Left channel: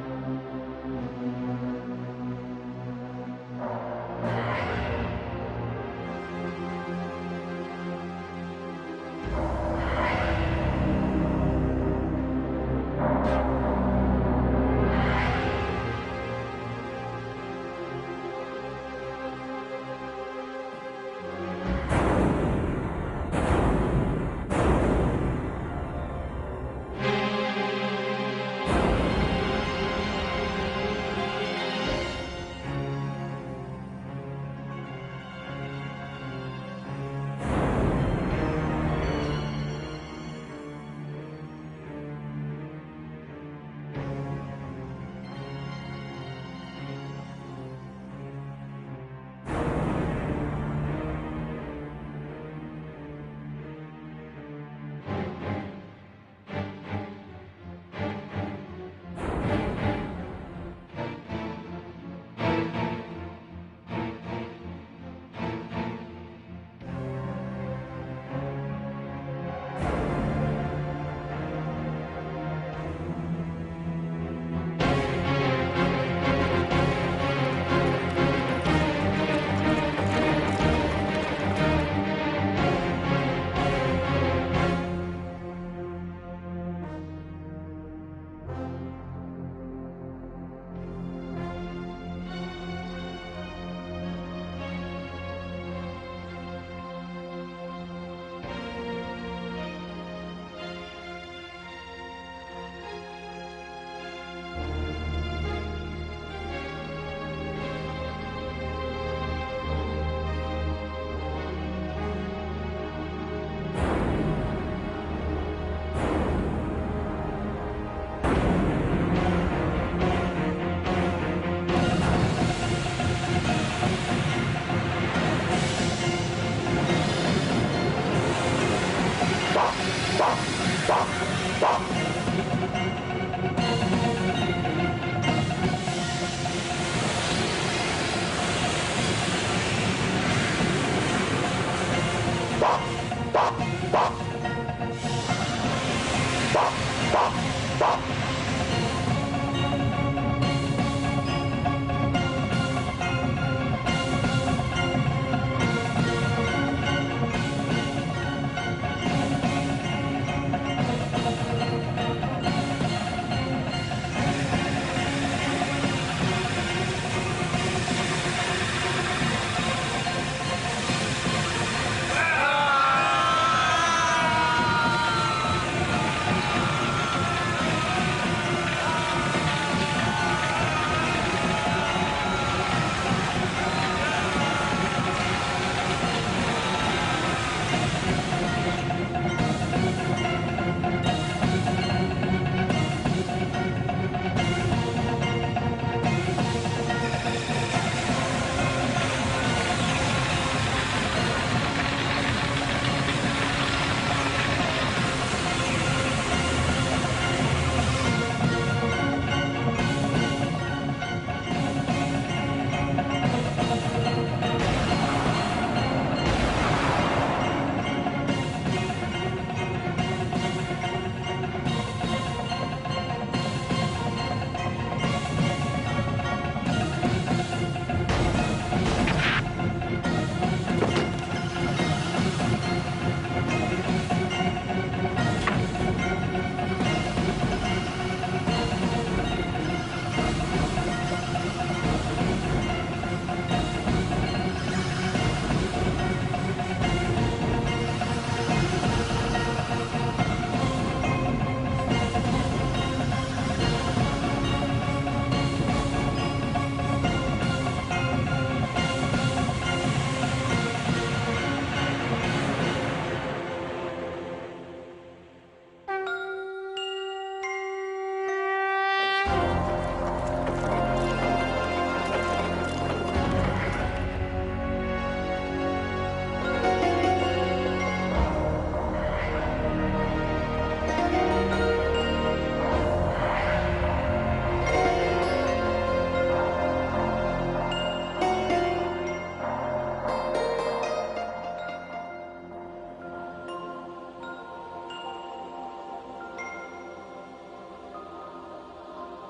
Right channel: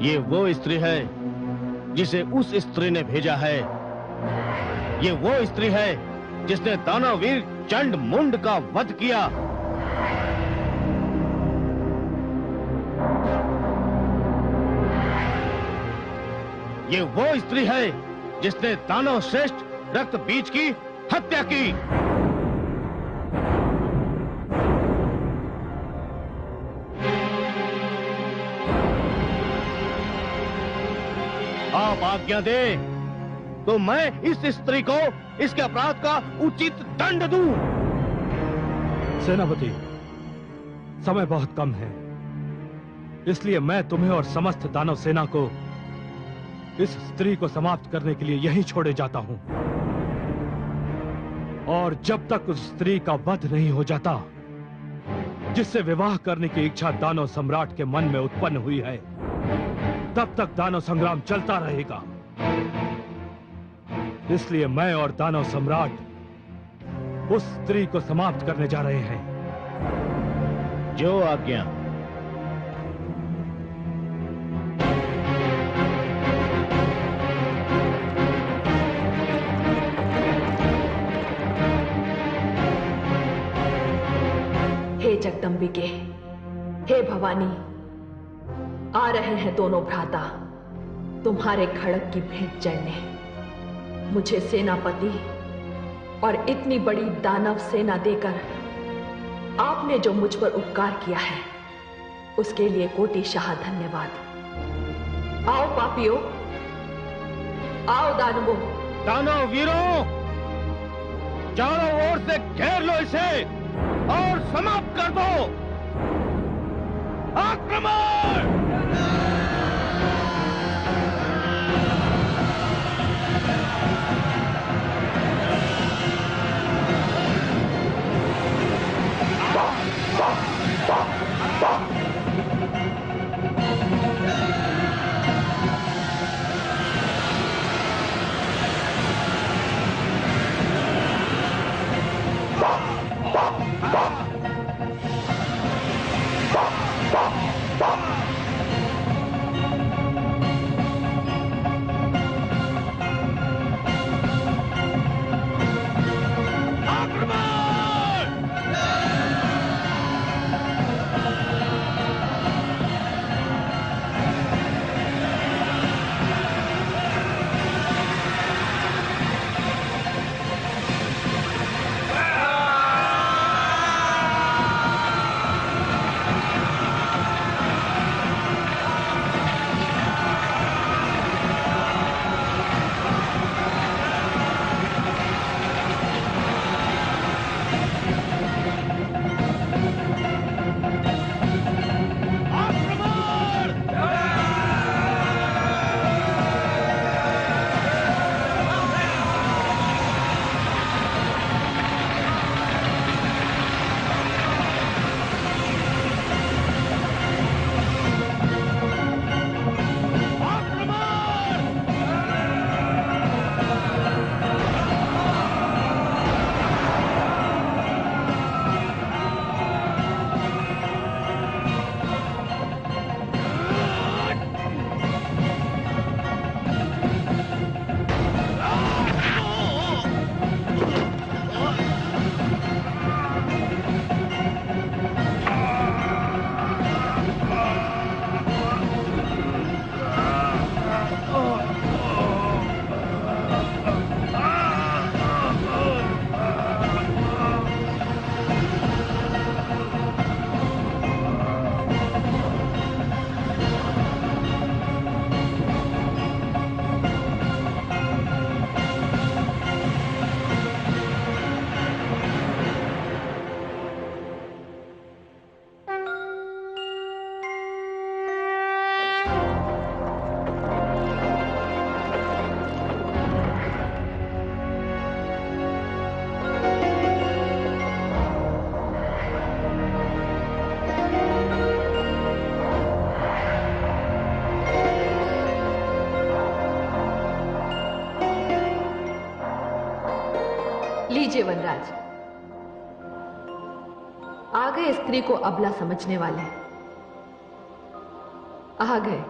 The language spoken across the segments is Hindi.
ये वो स्त्री है जिसे उस स्त्री ने भेजा है। ये वो स्त्री है जिसने दानववीर चंड मुंड का वध किया। ये वो स्त्री है जिसने दानव श्रेष्ठ रक्त बीज की हत्या की। आप आज्ञा दे तो मैं इस स्त्री को इसके अपराध का उचित दंड दूं। सेनापति, समय बहुत कम है, इसलिए मैं तुम्हें और समस्त दानव सेना को इस स्त्री को समाप्त करने के लिए यहीं छोड़े जाता हूं। और जब तक उस स्त्री का वध नहीं हो जाता जिससे विवाह करने की इच्छा दानव सम्राट के मन में उत्पन्न हुई है, तब तक दानव संग्राम चलता रहेगा। इसलिए मैं और दानव सम्राट उस स्त्री को समाप्त करने जा रहे हैं। जो आज्ञा। हे जगदंबिके, हे भवानी, आ रहे हैं दोनों भ्राता तुम्हारे खड़ग की भेंट चढ़ने। मुझे सेनापति और इतनी बड़ी दानव सेना देकर आपने जो मुझ पर उपकार किया है, उसके लिए कोटिशाह धन्यवाद। आओ पापियों, आओ दानवों। दानव वीरों, चारों ओर से घेर लो इसे और समाप्त कर दो। आक्रमण! लीजिए वनराज, आ गए स्त्री को अबला समझने वाले। आ गए।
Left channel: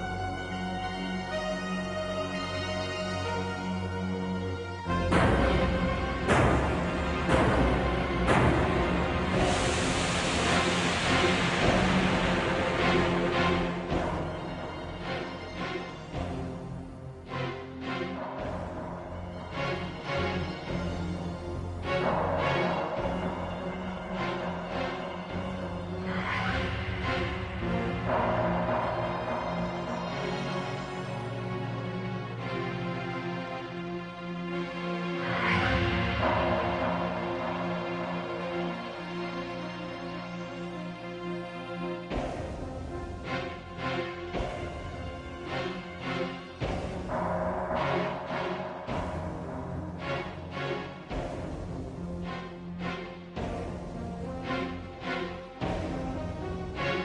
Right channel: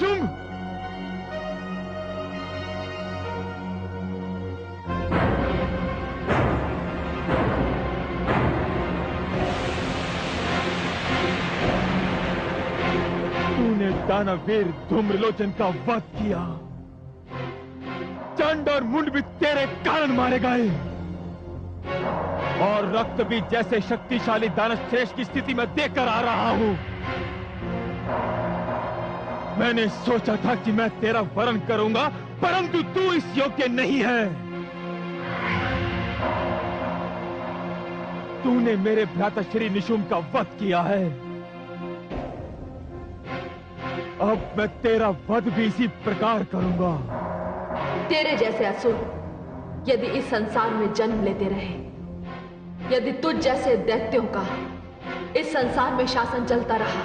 शुंभ! तूने दानवीर धूम्रलोचन का वध किया। चंड और मुंड भी तेरे कारण मारे गए, और रक्त भी जैसे शक्तिशाली दानश्रेष्ठ की स्थिति में देखकर आ रहा हूं। मैंने सोचा था कि मैं तेरा वरण करूंगा, परंतु तू इस योग्य नहीं है। तूने मेरे भ्राता श्री निशुंभ का वध किया है। अब मैं तेरा वध भी इसी प्रकार करूंगा। तेरे जैसे असुर यदि इस संसार में जन्म लेते रहे, यदि तुझ जैसे दैत्यों का इस संसार में शासन चलता रहा,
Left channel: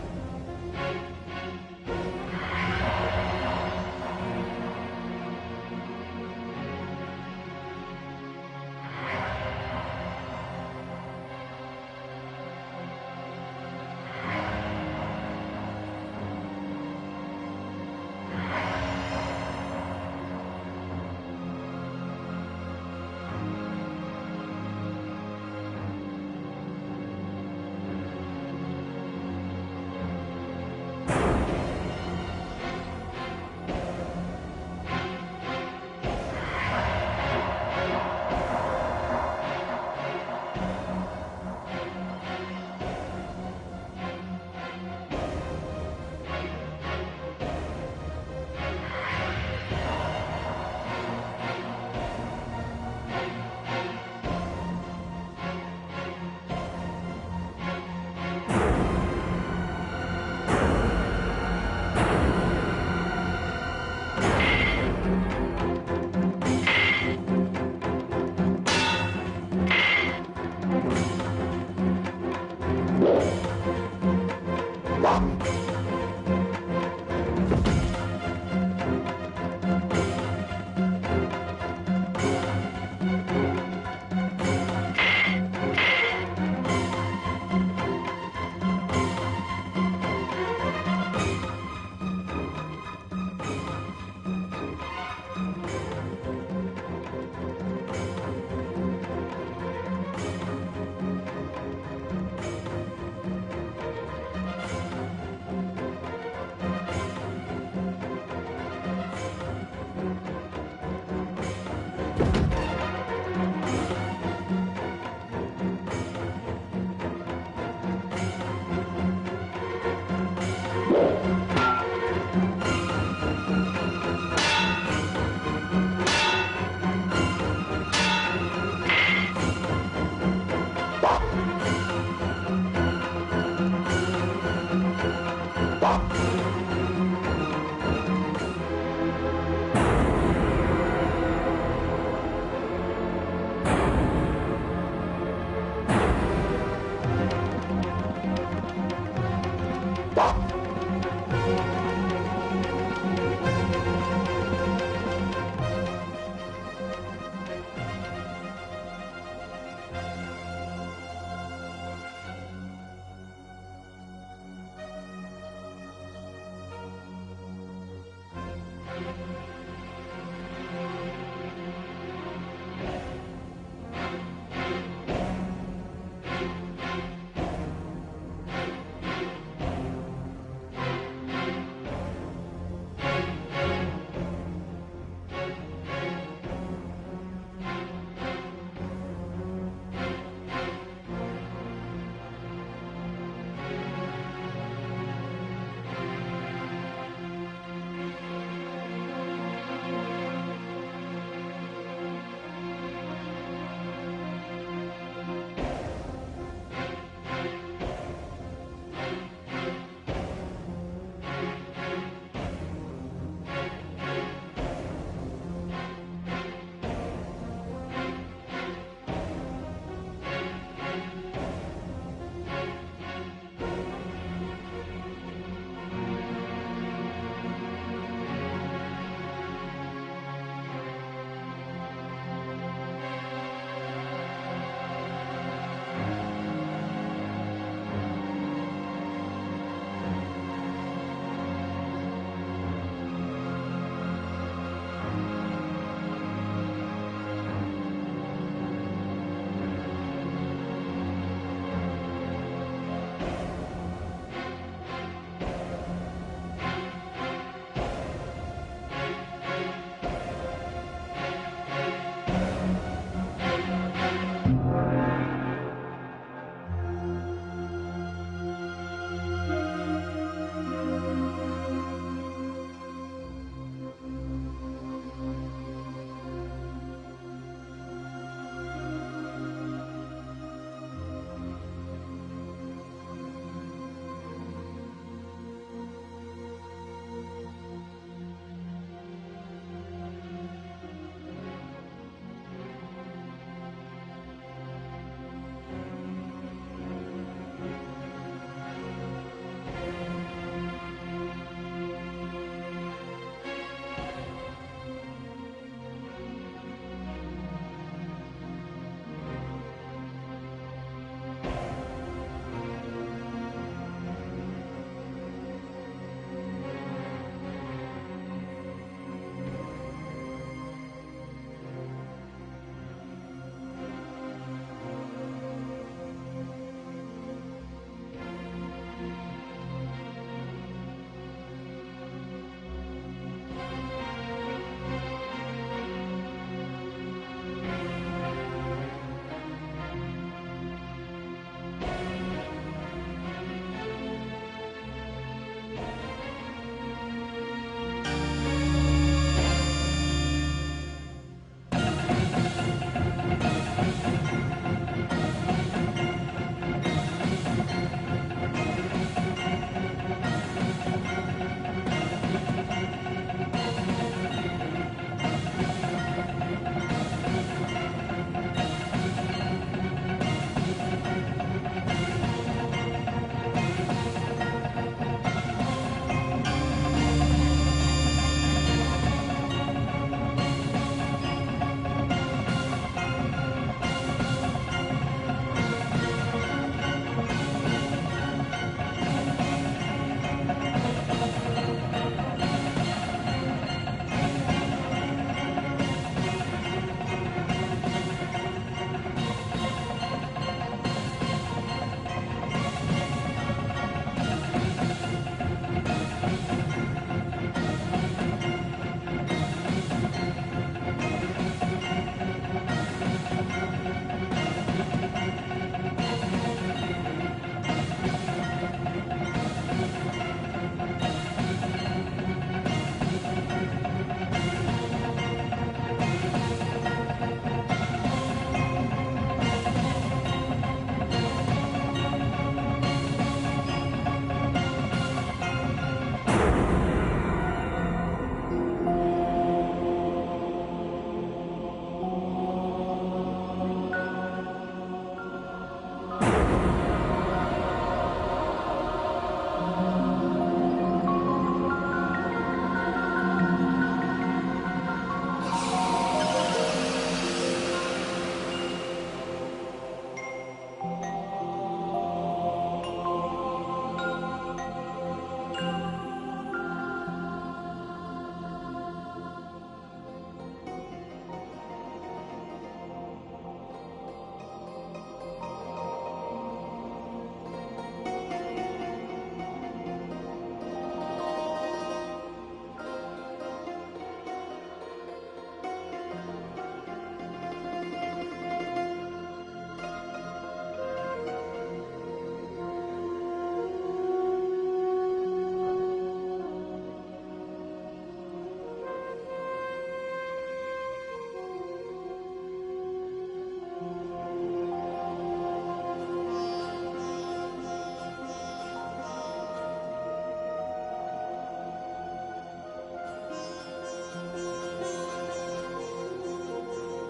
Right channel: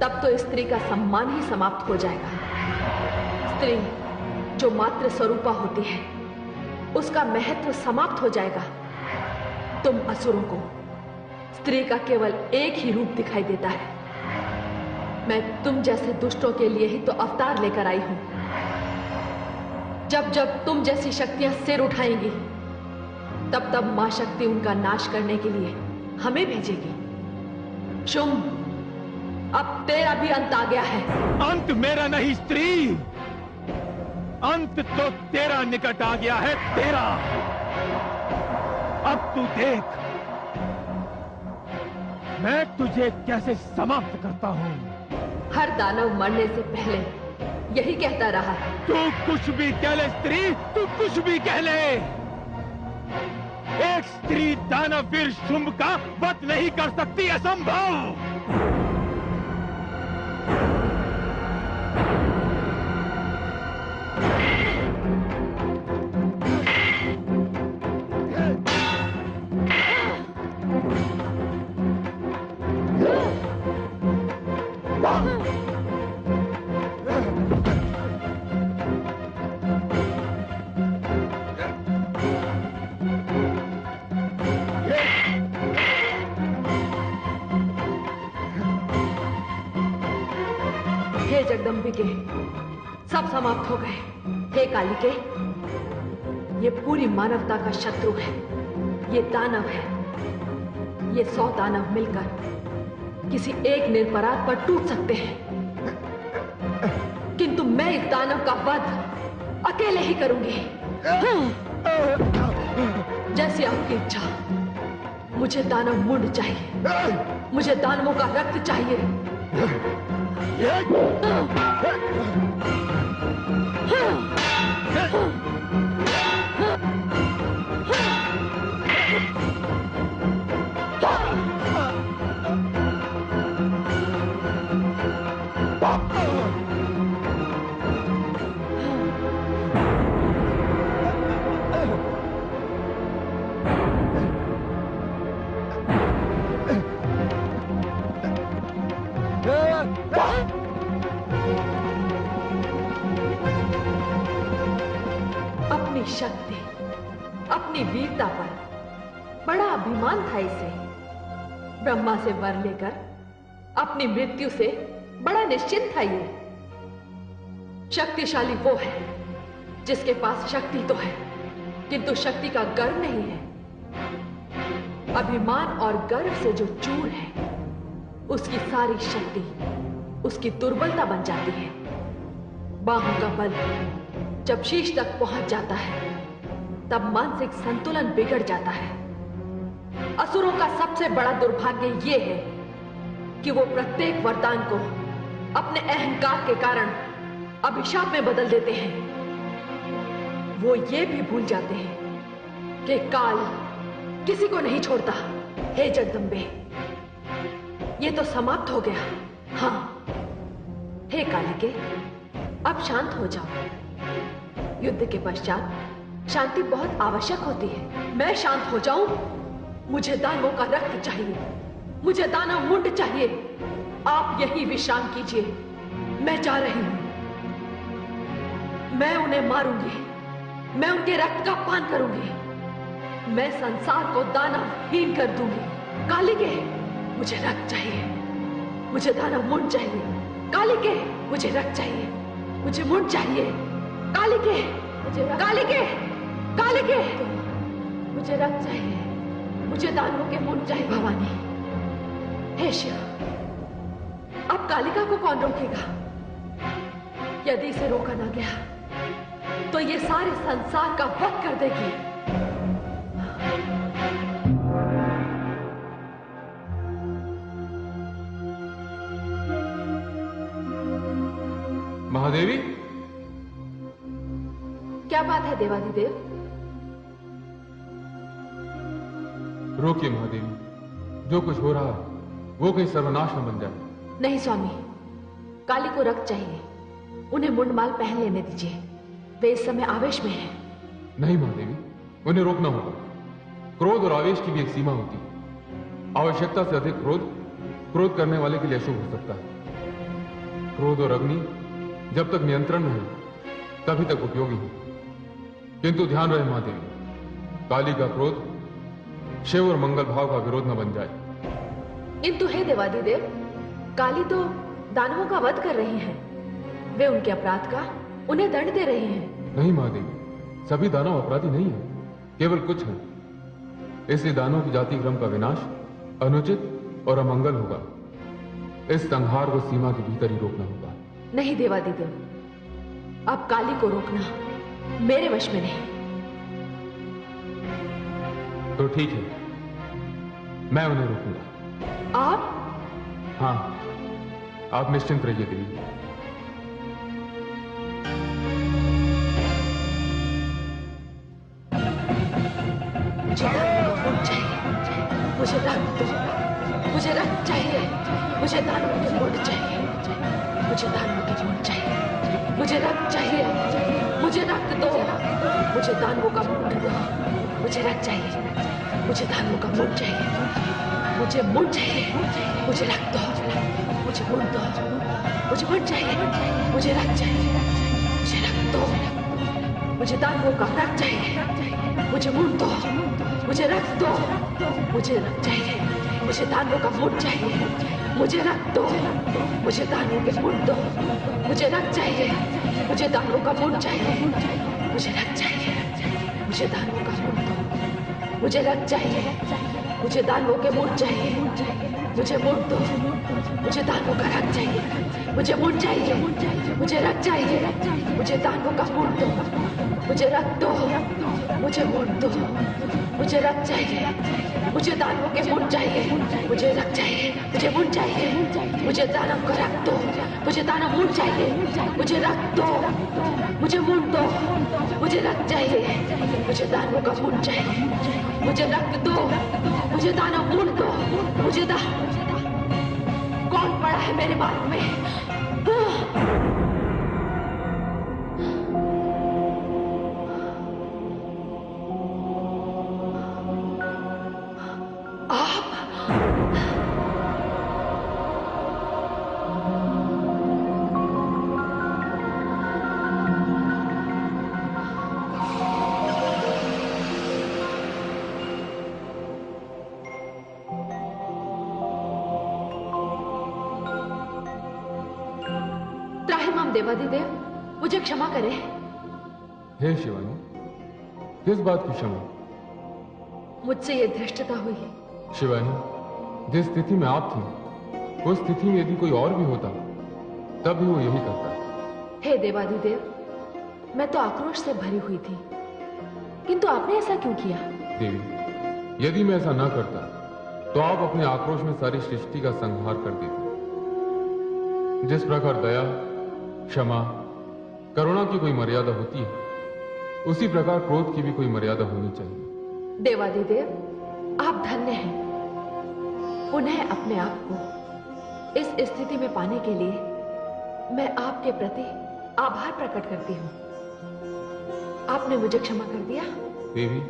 तब तो स्त्री का सम्मान ही समाप्त हो जाएगा। स्त्री जो मात्र स्वरूपा होती है, उसका महत्व समाप्त हो जाएगा। तुम असुरों को स्त्री का केवल एक ही रूप दिखाई देता है। मैं तुम जैसे दुष्टों के लिए ही तो अवतार लेकर आई हूं। जब जब तुम जैसी शक्तियां सिर उठाएंगी, तब तब मां शक्ति उनका नाश करने के लिए हमें भेजेगी। शुंभ, अब तेरा भी अंत आ गया है। अंत मेरा नहीं स्त्री, अंत तो तेरा निकट आ गया है। तेरा अब तू देख, मैं तुझे कैसे समाप्त करता हूं। हर दानव मरने से पहले यही कहता रहा है। तू कुछ भी कह ले स्त्री, तू कुछ भी कह ले। एक स्त्री दानवीर शुंभ का वध नहीं कर सकती, असंभव। हे जगदम्बिके, सब समाप्त हो गए। हे कालिके, ये पूरी मानवता का शत्रु है। ये दानव है। ये 100 दानव मिलकर किसी एक निरपराध पर टूट सकते हैं, किंतु मैं इस दानव का वध अकेले ही करूंगी। जैसी आपकी इच्छा। मुझे दानव मुंड चाहिए, मुझे दानवों का रक्त चाहिए। अपनी शक्ति, अपनी वीरता पर बड़ा अभिमान था इसे। ब्रह्मा से वर लेकर अपनी मृत्यु से बड़ा निश्चिंत था ये। शक्तिशाली वो है जिसके पास शक्ति तो है, किंतु शक्ति का गर्व नहीं है। अभिमान और गर्व से जो चूर है, उसकी सारी शक्ति उसकी दुर्बलता बन जाती है। बाहों का बल जब शीश तक पहुंच जाता है, तब मानसिक संतुलन बिगड़ जाता है। असुरों का सबसे बड़ा दुर्भाग्य ये है कि वो प्रत्येक वरदान को अपने अहंकार के कारण अभिशाप में बदल देते हैं। वो ये भी भूल जाते हैं कि काल किसी को नहीं छोड़ता। हे जगदम्बे, ये तो समाप्त हो गया। हाँ, हे कालिके, अब शांत हो जाओ। युद्ध के पश्चात शांति बहुत आवश्यक होती है। मैं शांत हो जाऊं? मुझे दानवों का रक्त चाहिए, मुझे दानव मुंड चाहिए। आप यही विश्राम कीजिए, मैं जा रही हूं। मैं उन्हें मारूंगी, मैं उनके रक्त का पान करूंगी, मैं संसार को दानवहीन कर दूंगी। कालिके, मुझे रक्त चाहिए, मुझे दानव मुंड चाहिए। कालिके, मुझे रक्त चाहिए, मुझे मुंड चाहिए। कालिके, मुझे कालिके, कालिके, मुझे रक्त चाहिए, मुझे दानवों के मुंड चाहिए। भवानी, हे शिव, अब कालिका को कौन रोकेगा? यदि इसे रोका ना गया तो ये सारे संसार का वध कर देगी। महादेवी, क्या बात है देवाधिदेव? रोकिए महादेवी, जो कुछ हो रहा है वो कहीं सर्वनाश न बन जाए। नहीं स्वामी, काली को रक्त चाहिए, उन्हें मुंडमाल पहन लेने दीजिए, वे इस समय आवेश में हैं। नहीं महादेवी, उन्हें रोकना होगा। क्रोध और आवेश की भी एक सीमा होती है। आवश्यकता से अधिक क्रोध करने वाले के लिए अशुभ हो सकता है। क्रोध और अग्नि जब तक नियंत्रण में है तभी तक उपयोगी है। किंतु ध्यान रहे महादेवी, काली का क्रोध शिव और मंगल भाव का विरोध न बन जाए। किंतु हे देवाधिदेव, काली तो दानवों का वध कर रही हैं, वे उनके अपराध का उन्हें दंड दे रही हैं। नहीं महादेवी, सभी दानव अपराधी नहीं है, केवल कुछ हैं। इसलिए दानवों की जाति क्रम का विनाश अनुचित और अमंगल होगा। इस संहार को सीमा के भीतर ही रोकना होगा। नहीं देवाधिदेव, अब काली को रोकना मेरे वश में नहीं। तो ठीक है, मैं उन्हें रोकूंगा। आप? हाँ, आप निश्चिंत रहिए देवी। मुझे रक्त दो, मुझे रक्त चाहिए, मुझे दानवों के मुंड चाहिए, मुझे दानवों के मुंड चाहिए, मुझे रक्त चाहिए, मुझे रक्त दो, मुझे दानवों का मुंड दो, मुझे रक्त चाहिए, मुझे दानवों का मुंड चाहिए, मुझे मुंड चाहिए, मुझे रक्त दो, मुझे मुंड दो, मुझे मुंड चाहिए, मुझे रक्त चाहिए, मुझे रक्त दो, मुझे दानवों का रक्त चाहिए, मुझे मुंड दो, मुझे रक्त दो, मुझे रक्त चाहिए, मुझे दानवों का मुंड चाहिए, मुझे रक्त दो, मुझे दानवों के मुंड दो, मुझे रक्त चाहिए, मुझे दानवों का मुंड चाहिए, मुझे रक्त चाहिए, मुझे दानवों का मुंड दो, मुझे रक्त चाहिए, मुझे दानवों के मुंड चाहिए, मुझे मुंड दो, मुझे दानवों का रक्त चाहिए, मुझे मुंड चाहिए, मुझे रक्त चाहिए, मुझे दानवों का मुंड दो, मुझे रक्त दो, मुझे मुंड दो, मुझे रक्त चाहिए, मुझे दानवों के मुंड चाहिए, मुझे रक्त चाहिए, मुझे मुंड चाहिए, मुझे दानव का रक्त दो, मुझे दानव मुंड चाहिए, मुझे रक्त दो, मुझे मुंड दो, मुझे रक्त चाहिए, मुझे दानवों का मुंड चाहिए, मुझे रक्त दो, मुझे दानव मुंड दो, मुझे कौन पड़ा है मेरे बालों में? देवाधिदेव, मुझे क्षमा करें। हे शिवानी, किस बात की क्षमा? मुझसे ये धृष्टता हुई। शिवानी, जिस स्थिति में आप थी, उस स्थिति में यदि कोई और भी होता तब भी वो यही करता। हे देवाधिदेव, मैं तो आक्रोश से भरी हुई थी, किंतु आपने ऐसा क्यों किया? देवी, यदि मैं ऐसा ना करता तो आप अपने आक्रोश में सारी सृष्टि का संहार कर देते। जिस प्रकार दया, क्षमा, करुणा की कोई मर्यादा होती है, उसी प्रकार क्रोध की भी कोई मर्यादा होनी चाहिए। देवाधिदेव, आप धन्य हैं। पुनः अपने आप को इस स्थिति में पाने के लिए मैं आपके प्रति आभार प्रकट करती हूँ। आपने मुझे क्षमा कर दिया। देवी,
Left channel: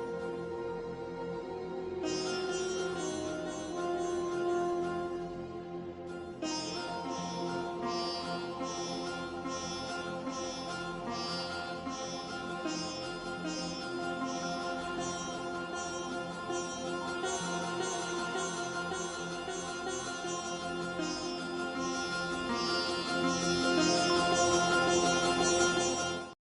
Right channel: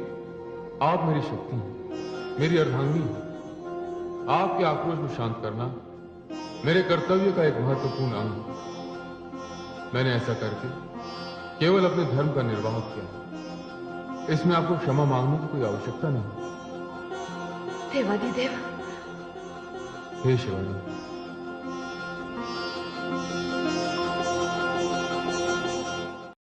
आप मेरी शक्ति हैं, मेरी अर्धांगिनी हैं। आपके आक्रोश को शांत करना मेरे कर्तव्य का एक महत्वपूर्ण अंग है। मैंने ऐसा करके केवल अपने धर्म का निर्वाह किया। इसमें आपको क्षमा मांगने की कोई आवश्यकता नहीं। देवाधिदेव। हे शिवानी,